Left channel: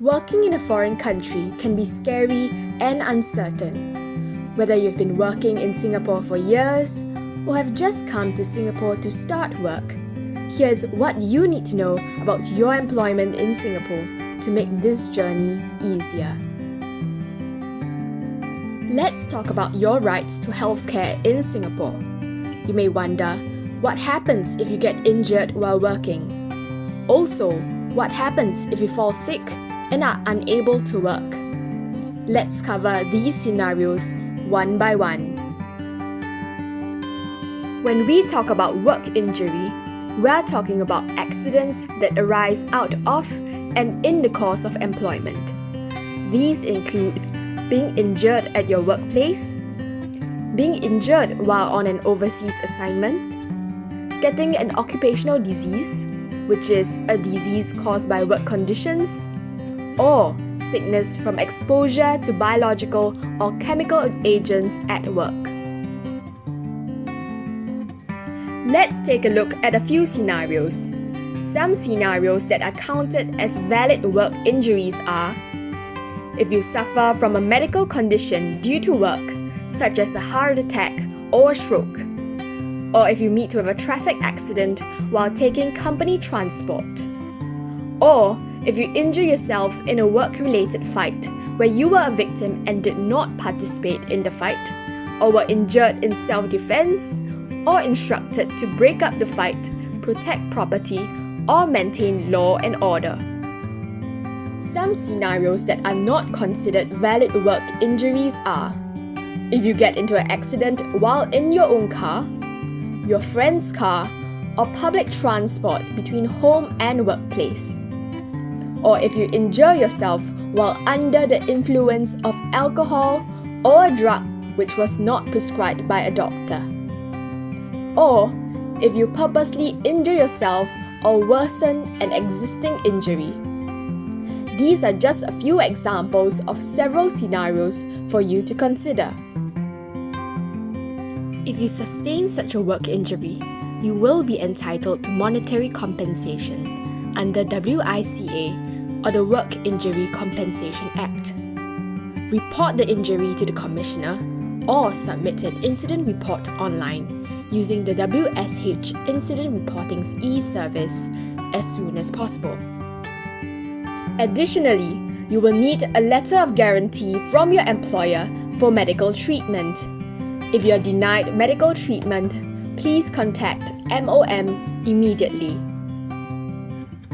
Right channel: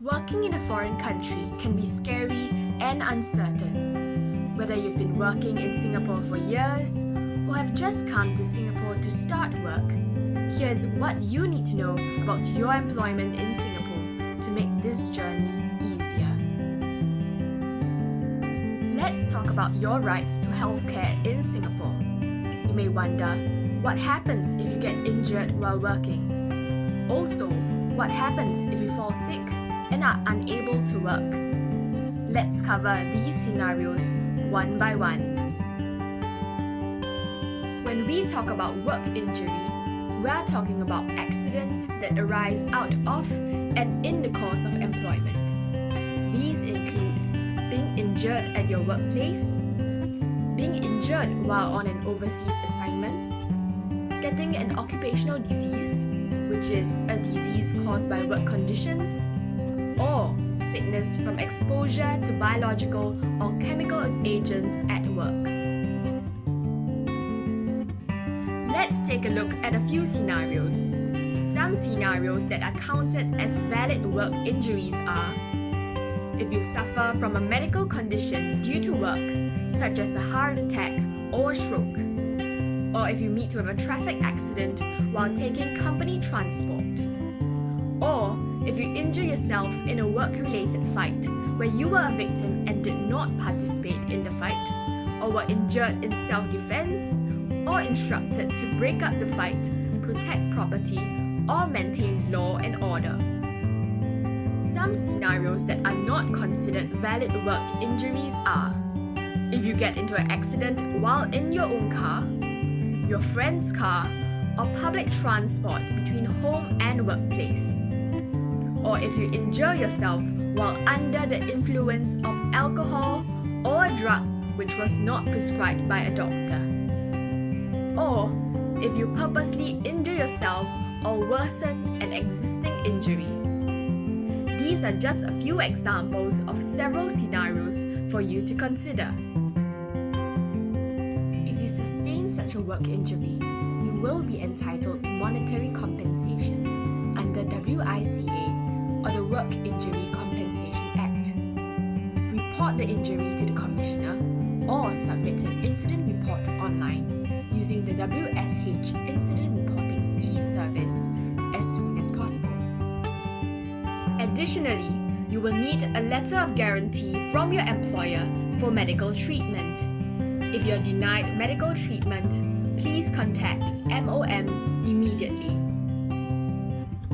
Working in a foreign country can be scary and uncertain. Whether you've been working in Singapore for years or have just come to Singapore to start work, here's what you need to know about your employment in Singapore to make this journey easier. Let's talk about your rights to healthcare in Singapore. You may wonder, what happens if you get injured while working? Also, what happens if you fall sick and are unable to work? Let's cover these scenarios one by one. When we talk about work injury, we're talking about accidents that arise out of and in the course of employment. These include being injured at your workplace, being injured while on an overseas assignment, getting an occupational disease, which is a disease caused by work conditions, or sickness from exposure to biological or chemical agents at work. Let's take a look at a few scenarios. Some scenarios that are counted as valid work injuries are: if you suffer from a medical condition due to work, such as a heart attack or a stroke, or if you meet with a traffic accident while taking company transport, or if you injure yourself in a work-related fight where you were a victim and did not participate in the fight, or were injured in self-defense, or instructed to break up the fight, protect property, or maintain law and order. Some scenarios that are not considered valid work injuries are: if you get into an accident while in your own car, your friend's car, or public transport between home and workplace, or if you injure yourself while under the influence of alcohol or a drug which was not prescribed by a doctor, or if you purposely injure yourself or worsen an existing injury. These are just a few examples of several scenarios for you to consider. If you sustain such a work injury, you will be entitled to monetary compensation under WICA or the Work Injury Compensation Act. Report the injury to the Commissioner or submit an incident report online using the WSH Incident Reporting's e-service as soon as possible. Additionally, you will need a letter of guarantee from your employer for medical treatment. If you are denied medical treatment, please contact MOM immediately.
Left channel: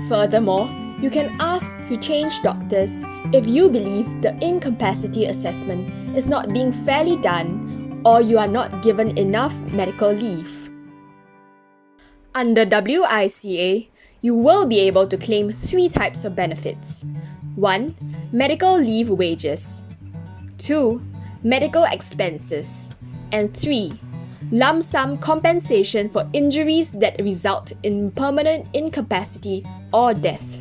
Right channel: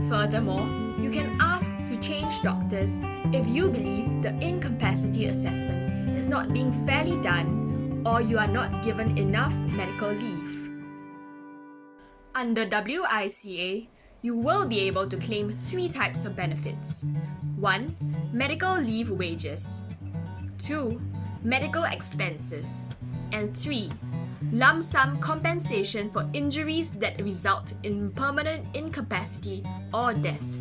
Furthermore, you can ask to change doctors if you believe the incapacity assessment is not being fairly done or you are not given enough medical leave. Under WICA, you will be able to claim 3 types of benefits. 1. Medical leave wages. 2. Medical expenses. And 3. Lump sum compensation for injuries that result in permanent incapacity or death.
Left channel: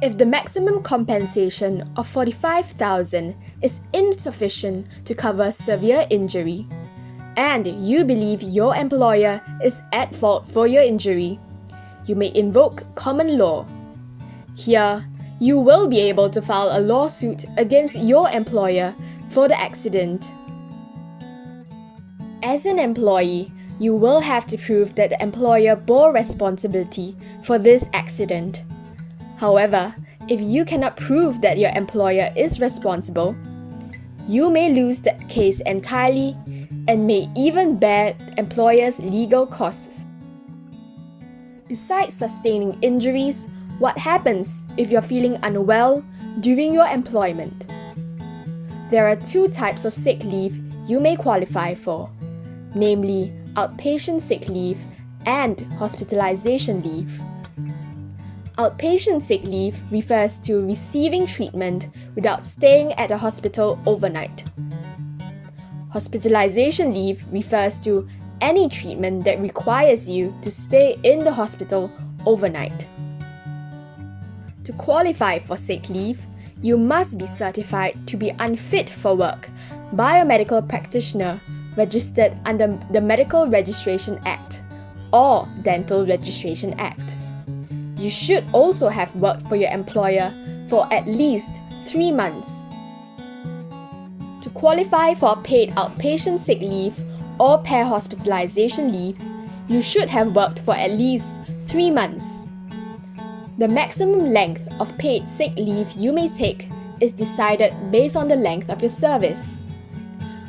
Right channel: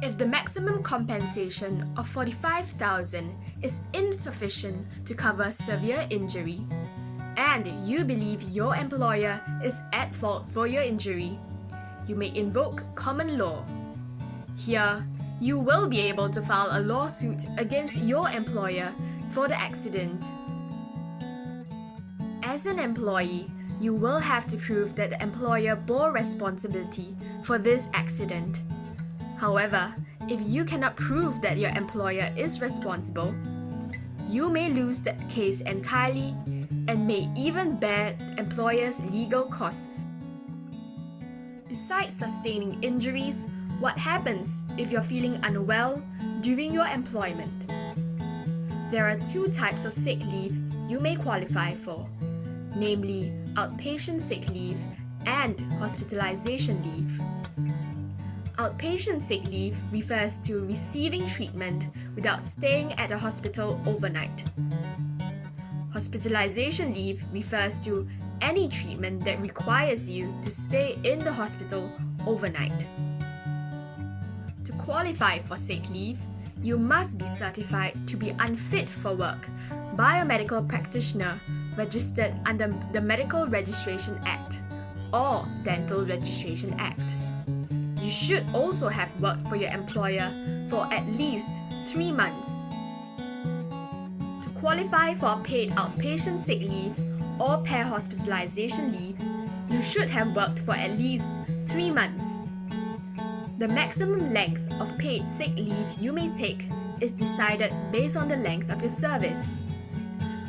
If the maximum compensation of $45,000 is insufficient to cover severe injury, and you believe your employer is at fault for your injury, you may invoke common law. Here, you will be able to file a lawsuit against your employer for the accident. As an employee, you will have to prove that the employer bore responsibility for this accident. However, if you cannot prove that your employer is responsible, you may lose the case entirely and may even bear the employer's legal costs. Besides sustaining injuries, what happens if you're feeling unwell during your employment? There are 2 types of sick leave you may qualify for, namely outpatient sick leave and hospitalization leave. Outpatient sick leave refers to receiving treatment without staying at a hospital overnight. Hospitalization leave refers to any treatment that requires you to stay in the hospital overnight. To qualify for sick leave, you must be certified to be unfit for work by a medical practitioner registered under the Medical Registration Act or Dental Registration Act. You You should also have worked for your employer for at least 3 months. To qualify for paid outpatient sick leave or pair hospitalization leave, you should have worked for at least 3 months. The maximum length of paid sick leave you may take is decided based on the length of your service.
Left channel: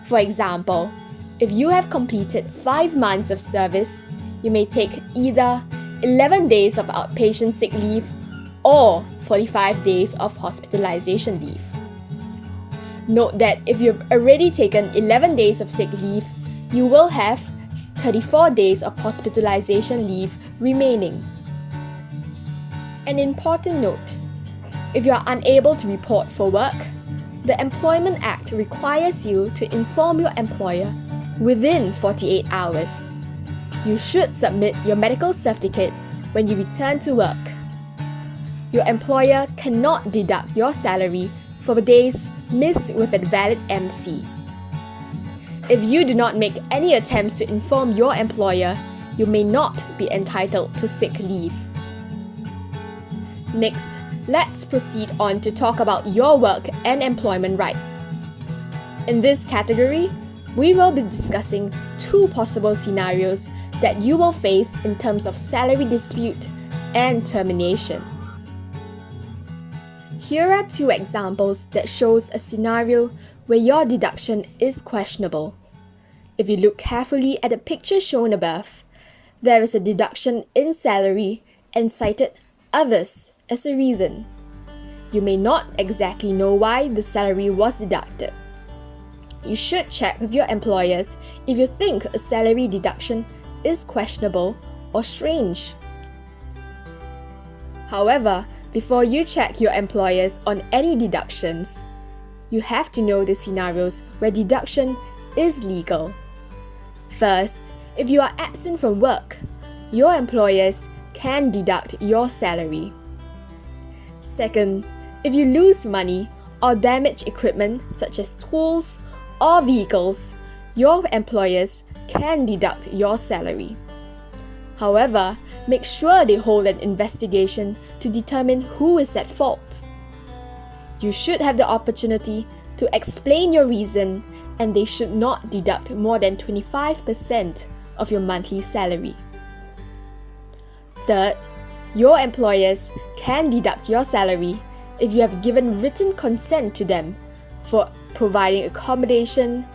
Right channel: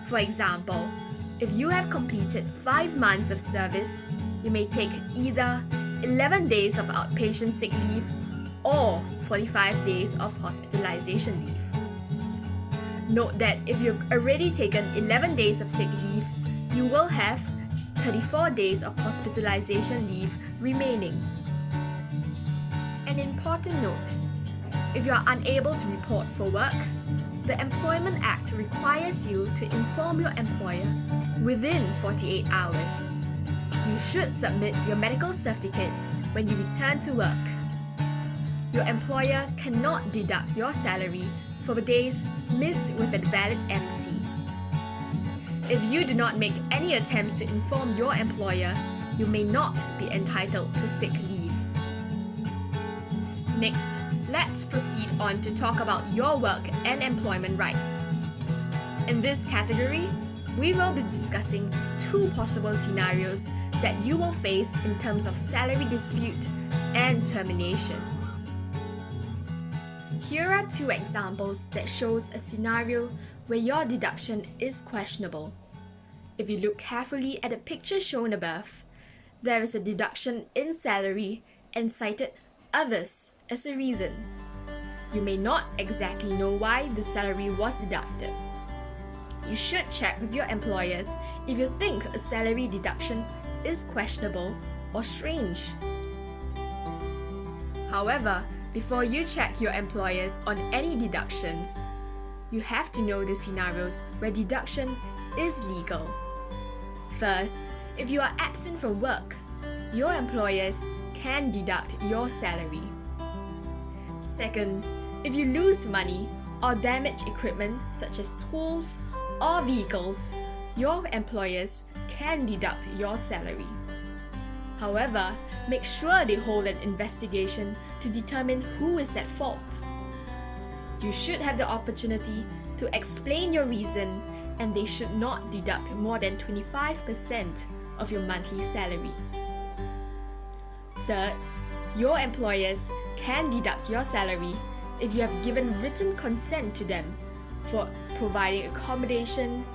For example, if you have completed 5 months of service, you may take either 11 days of outpatient sick leave or 45 days of hospitalization leave. Note that if you've already taken 11 days of sick leave, you will have 34 days of hospitalization leave remaining. An important note: if you are unable to report for work, the Employment Act requires you to inform your employer within 48 hours. You should submit your medical certificate when you return to work. Your employer cannot deduct your salary for the days missed with a valid MC. If you do not make any attempts to inform your employer, you may not be entitled to sick leave. Next, let's proceed on to talk about your work and employment rights. In this category, we will be discussing 2 possible scenarios that you will face in terms of salary dispute and termination. Here are 2 examples that shows a scenario where your deduction is questionable. If you look carefully at the picture shown above, there is a deduction in salary and cited others as a reason. You may not exactly know why the salary was deducted. You should check with your employers if you think a salary deduction is questionable or strange. However, before you check your employers on any deductions, you have to know the scenarios where deduction is legal. First, if you are absent from work, your employers can deduct your salary. Second, if you lose money or damage equipment such as tools or vehicles, your employers can deduct your salary. However, make sure they hold an investigation to determine who is at fault. You should have the opportunity to explain your reason, and they should not deduct more than 25% of your monthly salary. Third, your employers can deduct your salary if you have given written consent to them for providing accommodation,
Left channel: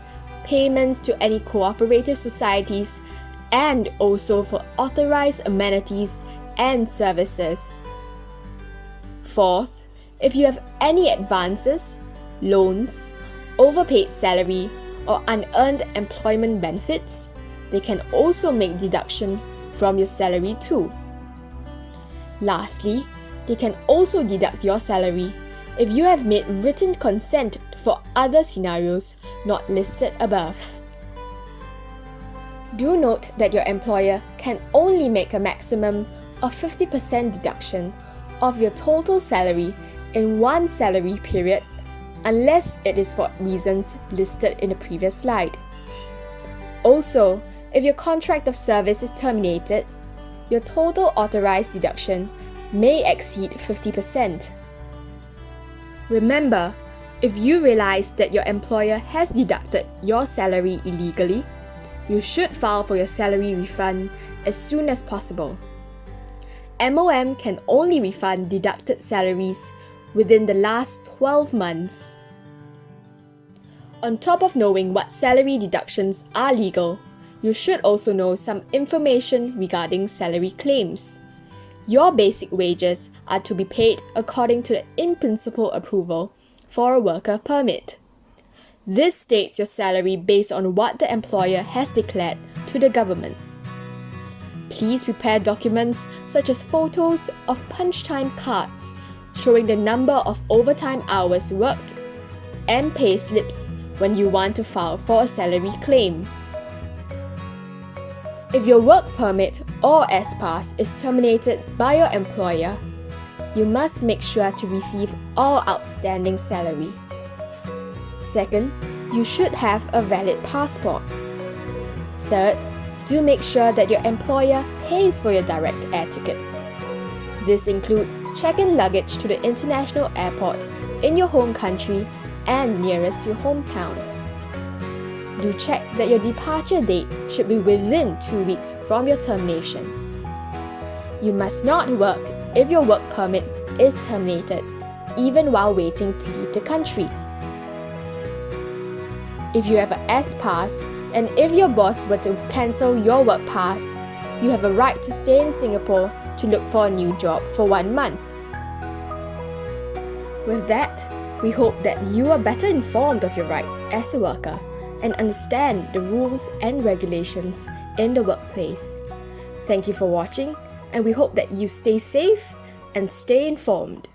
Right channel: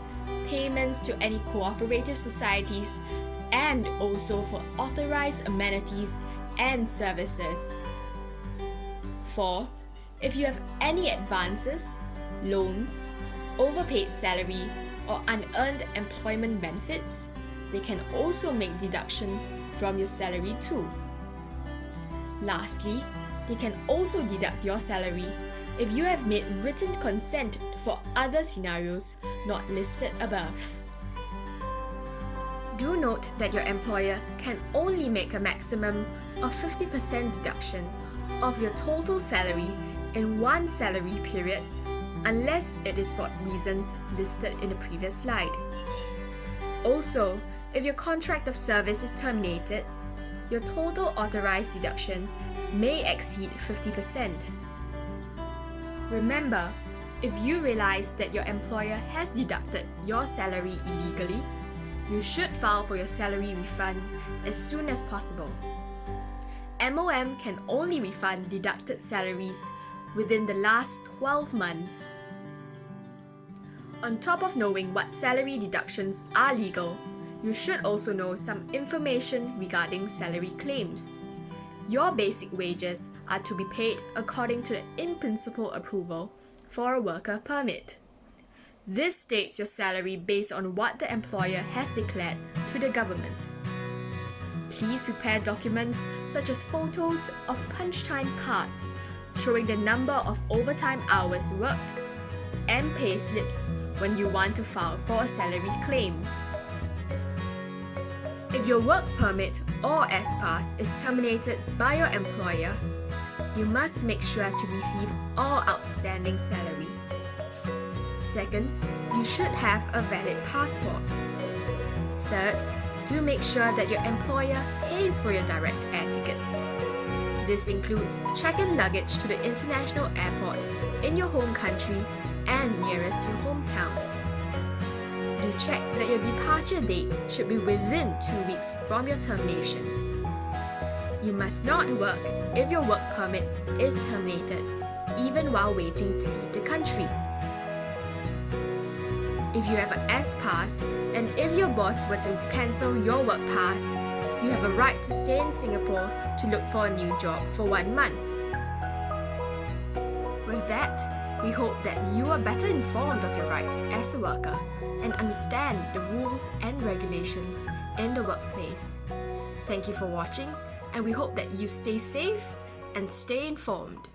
payments to any cooperative societies, and also for authorized amenities and services. Fourth, if you have any advances, loans, overpaid salary, or unearned employment benefits, they can also make deduction from your salary too. Lastly, they can also deduct your salary if you have made written consent for other scenarios not listed above. Do note that your employer can only make a maximum of 50% deduction of your total salary in one salary period unless it is for reasons listed in the previous slide. Also, if your contract of service is terminated, your total authorized deduction may exceed 50%. Remember, if you realize that your employer has deducted your salary illegally, you should file for your salary refund as soon as possible. MOM can only refund deducted salaries within the last 12 months. On top of knowing what salary deductions are legal, you should also know some information regarding salary claims. Your basic wages are to be paid according to the in-principle approval for a worker permit. This states your salary based on what the employer has declared to the government. Please prepare documents such as photos of punch time cards showing the number of overtime hours worked and pay slips when you want to file for a salary claim. If your work permit or S-Pass is terminated by your employer, you must make sure to receive all outstanding salary. Second, you should have a valid passport. Third, do make sure that your employer pays for your direct air ticket. This includes check-in luggage to the international airport in your home country and nearest your hometown. Do check that your departure date should be within 2 weeks from your termination. You must not work if your work permit is terminated, even while waiting to leave the country. If you have an S pass, and if your boss were to cancel your work pass, you have a right to stay in Singapore to look for a new job for 1 month. With that, we hope that you are better informed of your rights as a worker and understand the rules and regulations in the workplace. Thank you for watching, and we hope that you stay safe and stay informed.